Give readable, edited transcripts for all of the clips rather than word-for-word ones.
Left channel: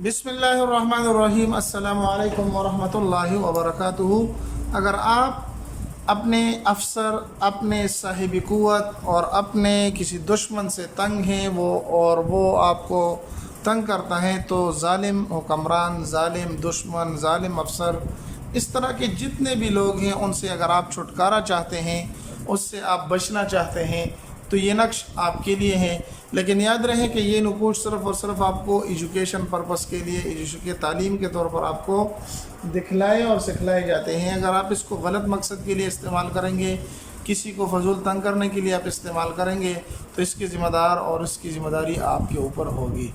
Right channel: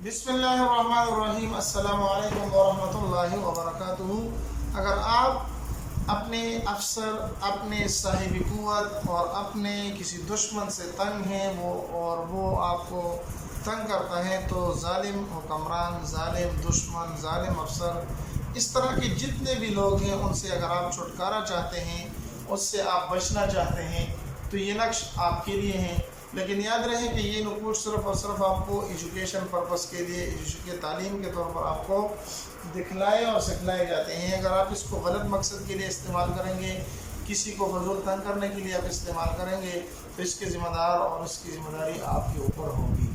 बिस्मिल्लाहिर्रहमानिर्रहीम अस्सलामु अलैकुम वरहमतुल्लाहि वबरकातुहू। अगर आप अपने अफसर, अपने साहिब क़ुव्वत और अपने किसी दुश्मन से तंग हैं वो आपको तंग करता है, तो ज़ालिम हुक्मरान, ज़ालिम दुश्मन, ज़ालिम अफसर, इस तरह के जितने भी लोग हैं उनसे अगर आप छुटकारा चाहते हैं, उससे आप बचना चाहते हैं, तो ये नक्श आपके लिए है। लेकिन याद रहे कि ये नकूश सिर्फ़ और सिर्फ आपको एजुकेशन पर्पस के लिए, एजुकेशन तालीम के तौर पर आपको दिखलाए और सिखलाए जाते हैं। अगर आप इसको गलत मकसद के लिए इस्तेमाल करेंगे, किसी को फजूल तंग करने के लिए आप इस्तेमाल करेंगे, तो इसके ज़िम्मेदार और इसकी ज़िम्मेदारी आपके ऊपर होगी।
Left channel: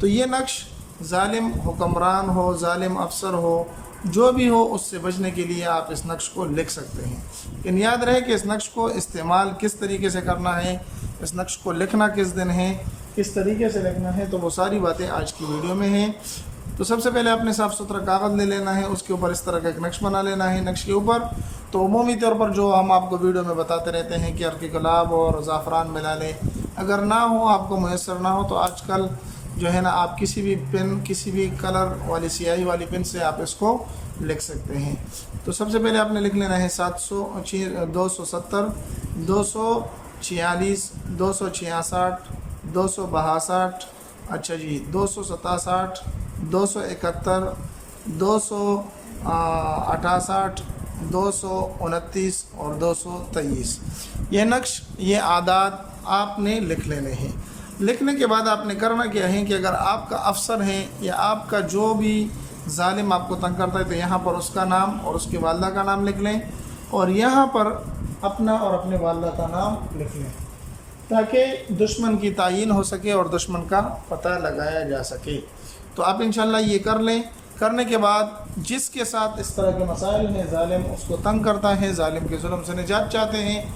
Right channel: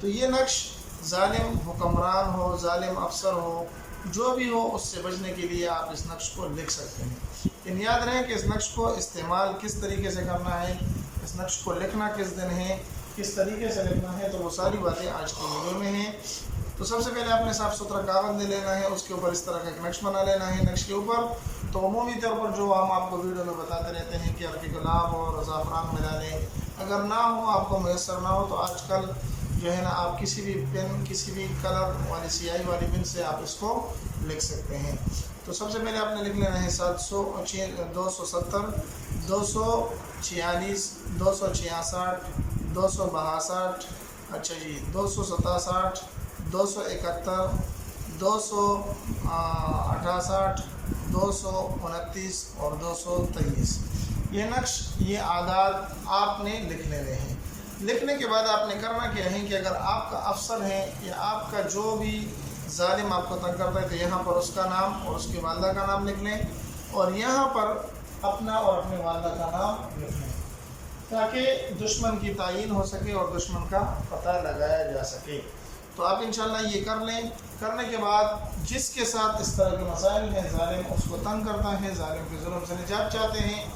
तो ये नक्श ज़ालिम हुक्मरान हो, ज़ालिम अफसर हो, जो भी हो, उससे बचने के लिए आप इस नक्श को लिख सकते हैं। लेकिन याद रहे कि इस नक्श को इस्तेमाल किस तरीके से करना है, इस नक्श को लिखना किस दिन है, किस तरीके से लिखना है, तो वो सारी बातें आज की वीडियो में हैं। तो सबसे पहले आपने साफ़ सुथरा कागज़ ले लेना है, उसके ऊपर इस तरह का एक नक्श बना लेना है। नक्श के ऊपर तो उमूमी तौर पर जो हम आपको वीडियो में बताते रहते हैं कि अर्क गुलाब और ज़ाफ़रान मिला लें, अगर ना हो, आपको मैसर ना हो, तो आजकल जो है ना, आप किसी भी पेन, किसी भी कलर वाली स्याही वाली पेन से आप इसको लिख सकते हैं। तो सबसे पहले आपने लिख लेना है 270, 246, 266, 262, अच्छा जी, 267, 271, 268, 229 और 223। ये नक्श, ये आदात आपने लिख लेने हैं। लिखने के बाद आपने करना क्या है कि अगर आपका अफसर है या आपका जो भी ज़ालिम आपको तंग करता है, तो यहाँ पर उसका नाम और उसकी वालदा का नाम लिख लें, और यहाँ पर अपना और अपने वालदा का नाम लिख लें, ताकि दुश्मन की तायीन हो सके और दुश्मन का पता लगाया जा सके। तो आप इंशाल्लाह ये कर लें। करने के बाद जिसके साथ इस तरह के मसाइल हैं, ज़ालिम उसको तंग करता है, ज़ालिम के जुल्म से निजात चाहते हैं,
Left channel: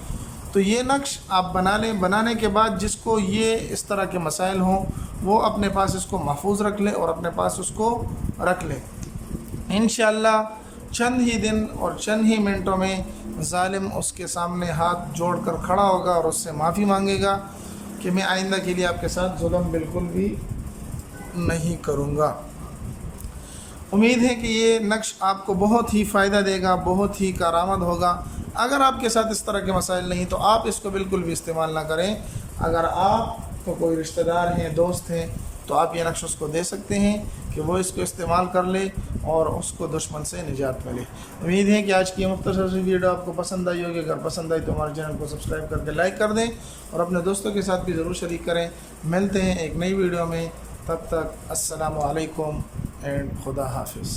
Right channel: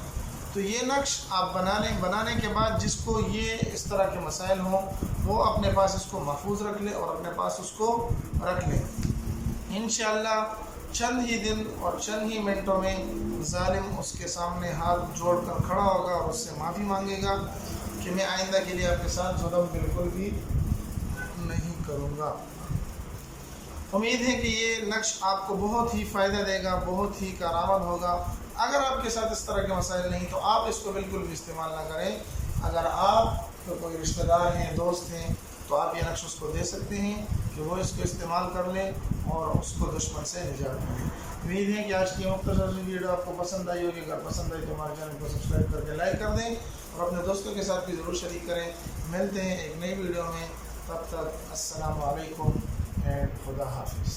तो ये नक्श आप बना लें। बनाने के बाद जिसको ये इस तरह के मसाइल हों, वो अपने पास इसको महफूज रख ले और अपने पास उसको रख लें। इंशाअल्लाह चंद ही दिन और चंद ही मिनटों में ज़ालिम उसके सामने हाथ जोड़कर खड़ा होगा और उससे माफ़ी मांगेगा कि मैं आइंदा के लिए आपके साथ जुल्म बिल्कुल भी नहीं करूँगा। उम्मीद है कि ये नक्श आपको बहुत ही फ़ायदा देगा, बहुत ही कारामद होगा। अगर आपके साथ इस तरह के मसाइल नहीं, तो आप इसको बिल्कुल भी इस्तेमाल ना करें। अगर आप तो कोई रिश्तेदार हैं, दोस्त हैं, तो आप ये नक्श उसको दे सकते हैं कि वो इसको इस्तेमाल कर ले और उसको दुश्मन से निजात मिले। उम्मीद है कि आज की मुख्तसर सी वीडियो आपको पसंद आई होगी। अगर पसंद आई तो हमारे चैनल को सब्सक्राइब करके लाइक कर दें और अपने दोस्तों के साथ भी ज़रूर शरीक करें। मिलते हैं एक नई वीडियो में, तब तक अस्सलामु अलैकुम एंड खुदा हाफिज़।